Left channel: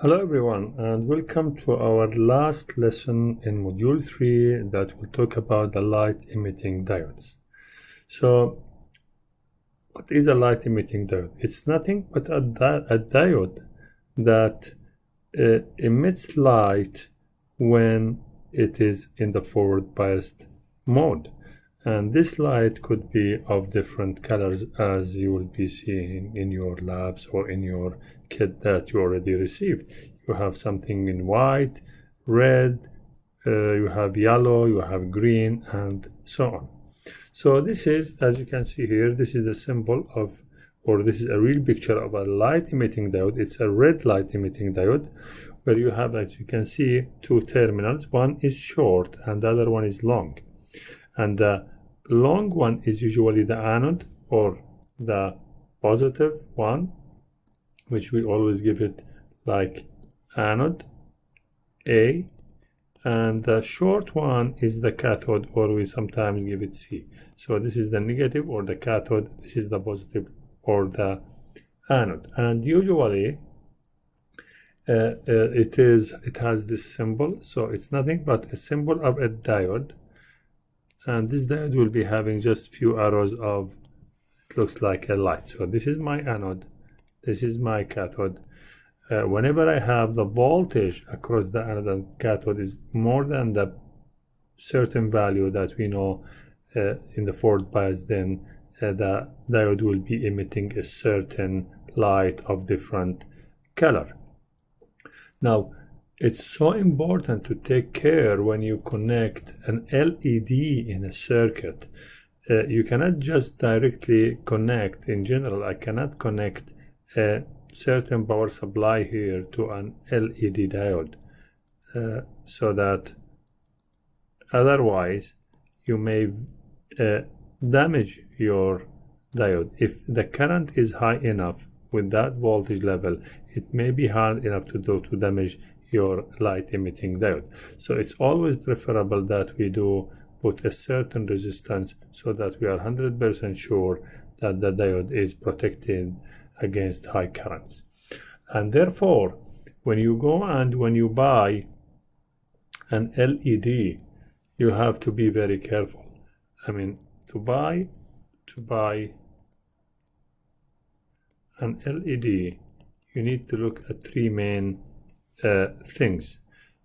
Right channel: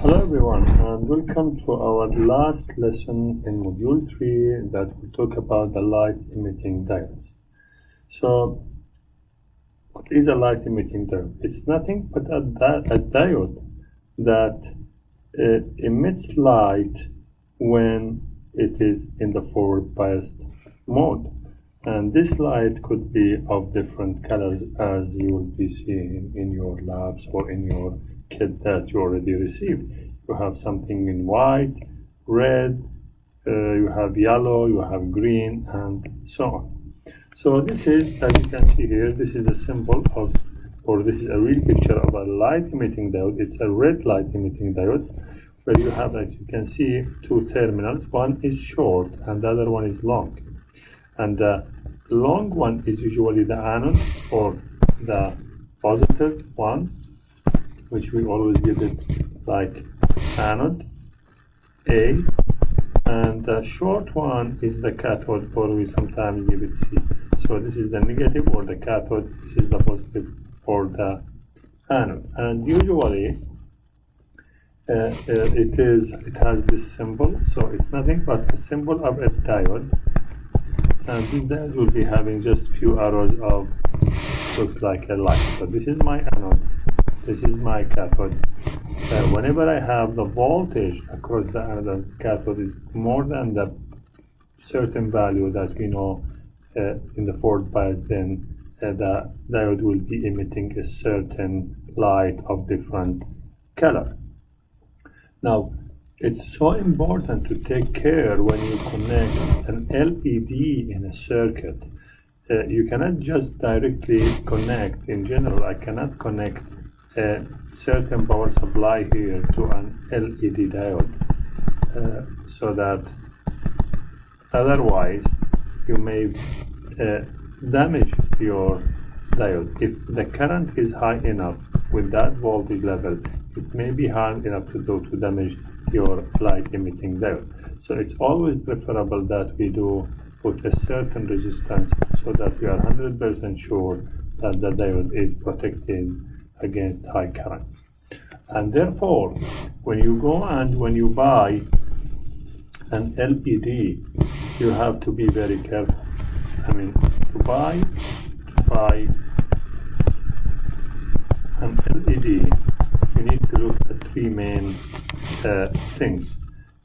Hello everyone, and welcome to our last lesson in module 3 that will talk about the light emitting diodes. So what is a light emitting diode? It's nothing but a diode that emits light when it is in the forward biased mode. And this light could be of different colors, as you will be seeing in your labs or in your kit that you already received. You have something in white, red, you have yellow, you have green, and so on. So this is, as you can see here, this is a symbol of, or this is a real picture of a light emitting diode. It's a red light emitting diode, where you have, as you can see, two terminals. One is short and the other one is long. And the long one is usually the anode, or the positive one, which we always give it like anode A, and the short one is the cathode, or we sometimes give it C. So this is the negative, or the cathode, this is the positive, or the anode. And usually it has this symbol, so it's nothing but a symbol of a diode. And this diode will be having just few arrows of, looks like a light. So this is my anode, this is my cathode. Whenever I have the voltage across the anode and cathode is more than the certain value that we know in the forward bias, then the diode will be emitting a certain light of different color. Now, it's so important to take care when you connect an LED in a circuit. You cannot just directly connect. In general, I cannot connect a certain power supply here to an LED diode, so that otherwise you may damage your diode. If the current is high enough with that voltage level, it may be hard enough to damage your light emitting diode. So it's always preferable that we do put a certain resistance so that we are 100% sure that the diode is protected against high currents. And therefore, when you go and when you buy an LED, you have to be very careful. I mean, to buy an LED, you need to look at three main things.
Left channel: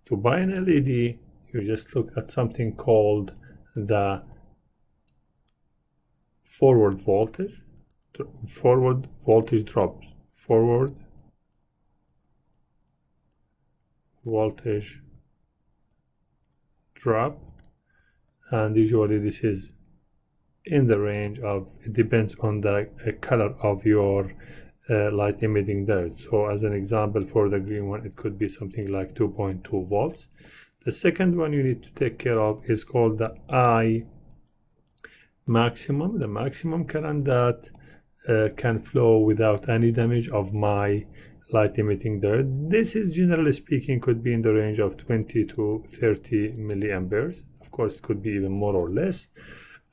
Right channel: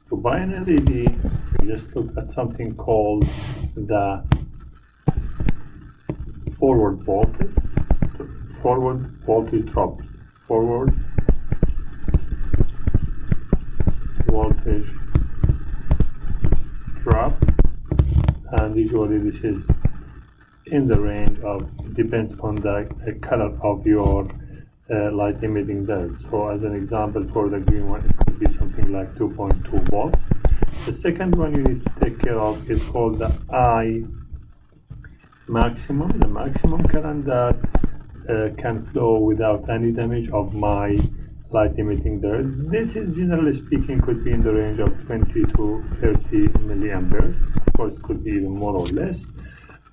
To buy an LED, you just look at something called the forward voltage drop, forward voltage drop, and usually this is in the range of, it depends on the color of your light emitting diode. So as an example, for the green one, it could be something like 2.2 volts. The second one you need to take care of is called the I maximum, the maximum current that can flow without any damage of my light emitting diode. This is, generally speaking, could be in the range of 20 to 30 milliamperes. Of course, it could be even more or less.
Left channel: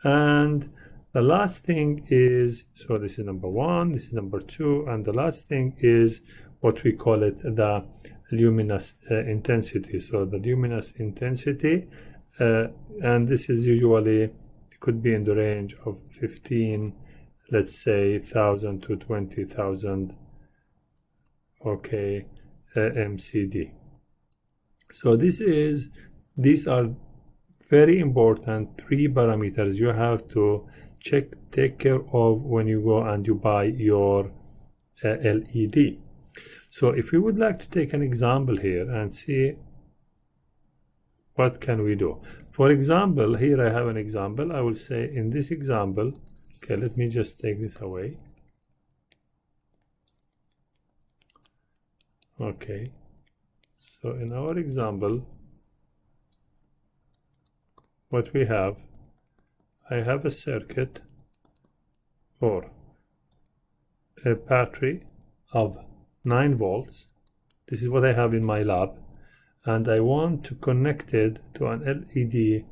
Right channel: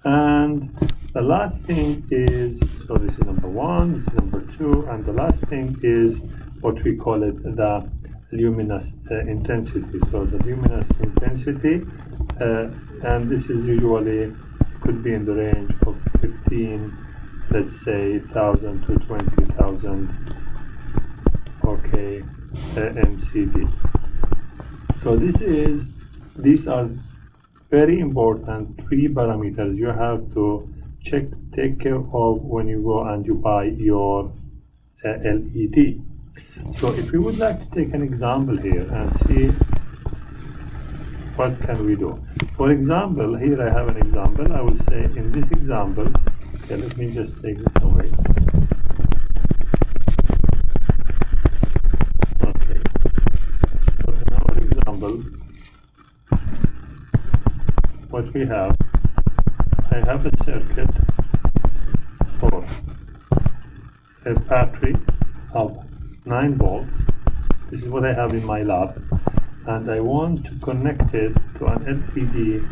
And the last thing is, so this is number one, this is number two, and the last thing is what we call it the luminous intensity. So the luminous intensity, and this is usually, could be in the range of 15, let's say 1,000 to 20,000, okay, MCD. So these are very important three parameters you have to take care of when you go and you buy your LED. So if we would like to take an example here and see what can we do. For example, here I have an example. I will say in this example, okay, let me just take this away. Okay, so in our example, what we have, I have a circuit for a battery of 9 volts. This is what I have in my lab, and I want to connect it to an LED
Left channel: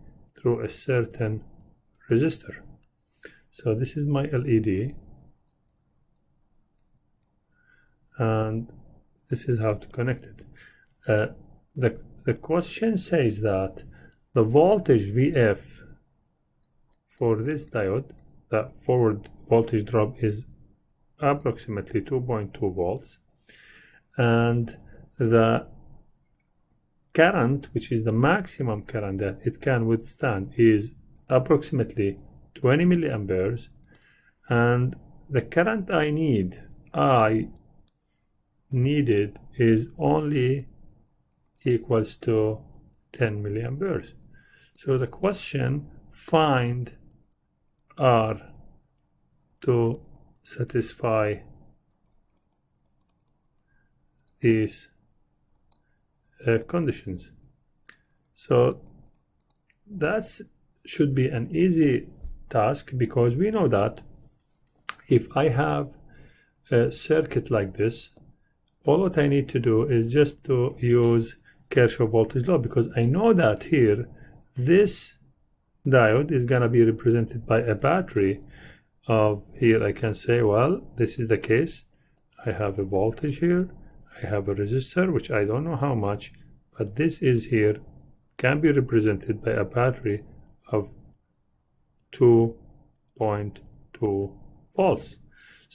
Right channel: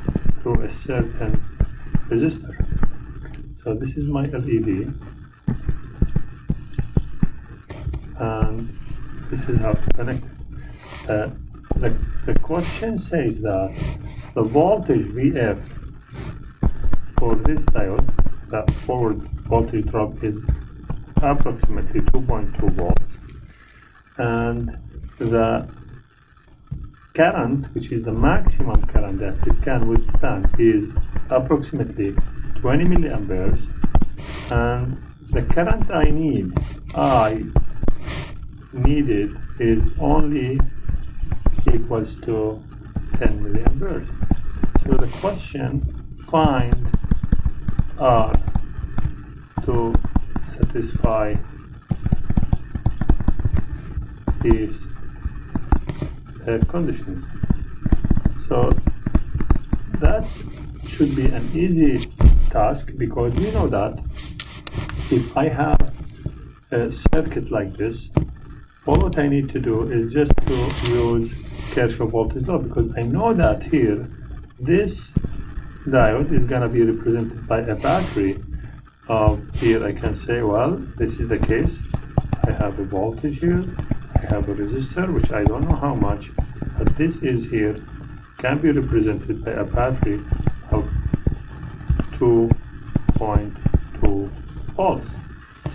through a certain resistor. So this is my LED, and this is how to connect it. The question says that the voltage VF for this diode, the forward voltage drop is approximately 2.2 volts, and the current, which is the maximum current that it can withstand, is approximately 20 milliamperes, and the current I needed is only equals to 10 milliamperes. So the question, find R to satisfy these conditions. So that should be an easy task, because we know that if I have a circuit like this, all what I need to do is just to use Kirchhoff voltage law, because I know that here this diode is going to be represented by a battery of, here I can say, well, this is the case. I have a voltage here, I have a resistor, which I don't know how much, but this is here, can be represented by a battery of 2.2 volts.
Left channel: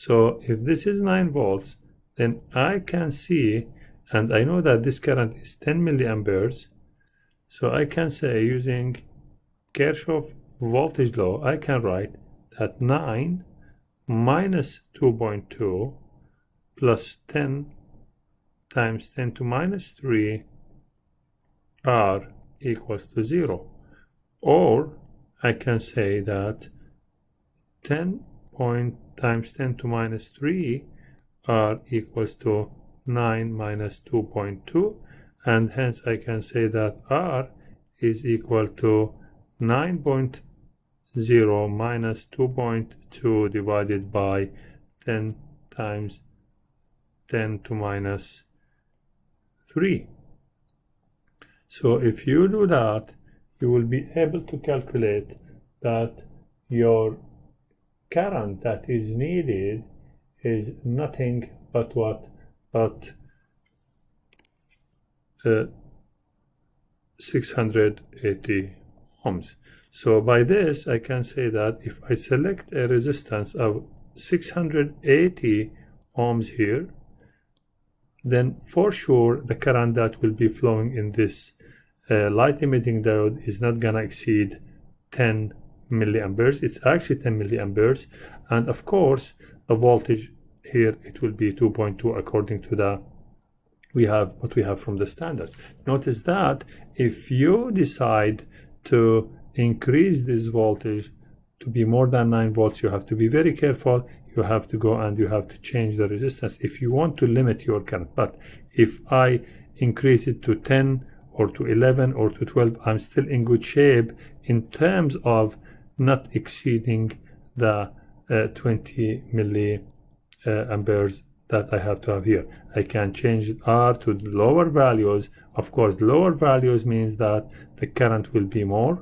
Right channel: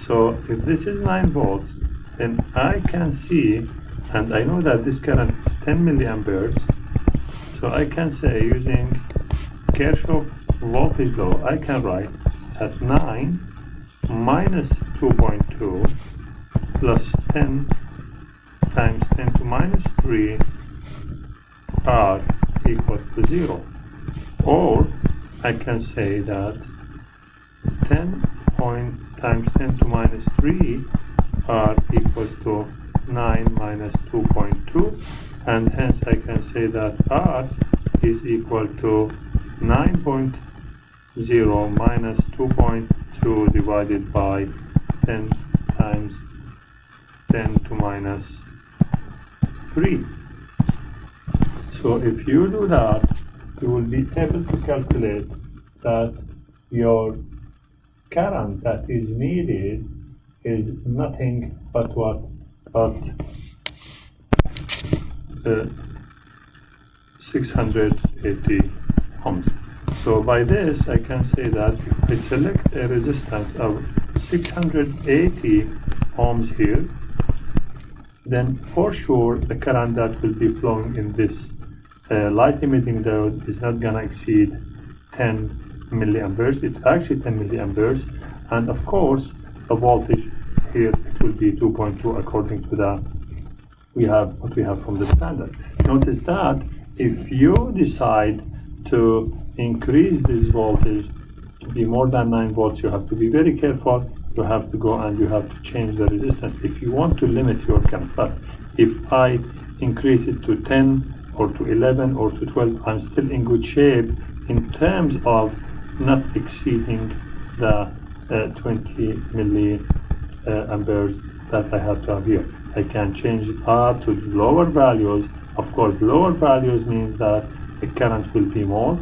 So if this is 9 volts, then I can see, and I know that this current is 10 milliamperes, so I can say, using Kirchhoff voltage law, I can write that 9 minus 2.2 plus 10 times 10 to minus 3 R equals to 0. Or I can say that 10 times 10 to minus 3 R equals to 9 minus 2.2, and hence I can say that R is equal to 9.0 minus 2.2 divided by 10 times 10 to minus 3. So if you do that, you will be able to calculate that your current that is needed is nothing but what? But 680 ohms. So by this I can say that if I select a resistance of 680 ohms here, then for sure the current that will be flowing in this light emitting diode is not gonna exceed 10 milliamperes. It's actually 10 milliamperes, and of course the voltage here, it will be 2.2 according to the what we have from the standard. Notice that if you decide to increase this voltage to be more than 9 volts, you have to be very careful. You have to go and you have to change the resistance if you want to limit your current. But if I increase it to 10 or to 11 or to 12, I'm still in good shape in terms of not exceeding the 20 milliamperes that I have to have here. I can change R to lower values. Of course, lower values means that the current will be more,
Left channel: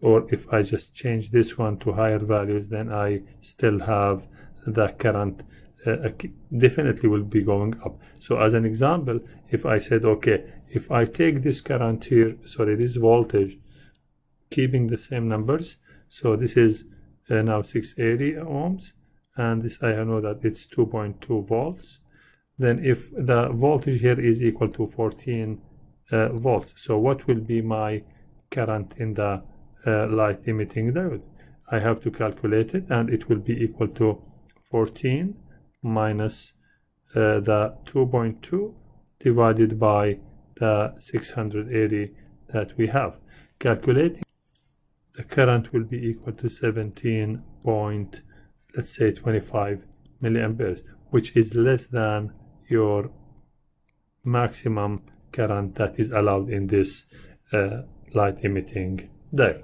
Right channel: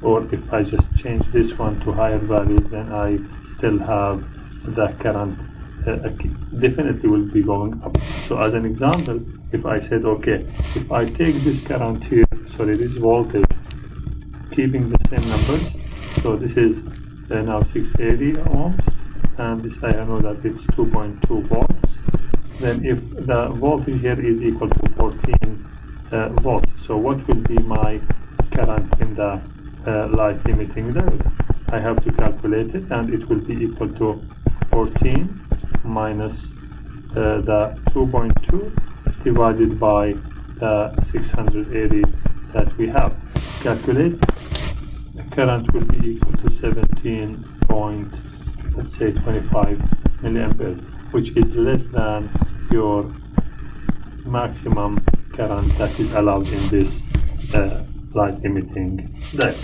or if I just change this one to higher values, then I still have the current definitely will be going up. So as an example, if I said, okay, if I take this current here, sorry, this voltage, keeping the same numbers, so this is now 680 ohms, and this I know that it's 2.2 volts, then if the voltage here is equal to 14 volts, so what will be my current in the light emitting diode? I have to calculate it, and it will be equal to 14 minus the 2.2 divided by the 680 that we have. Calculate, the current will be equal to 17 point, let's say 25 milliamperes, which is less than your maximum current that is allowed in this light emitting diode.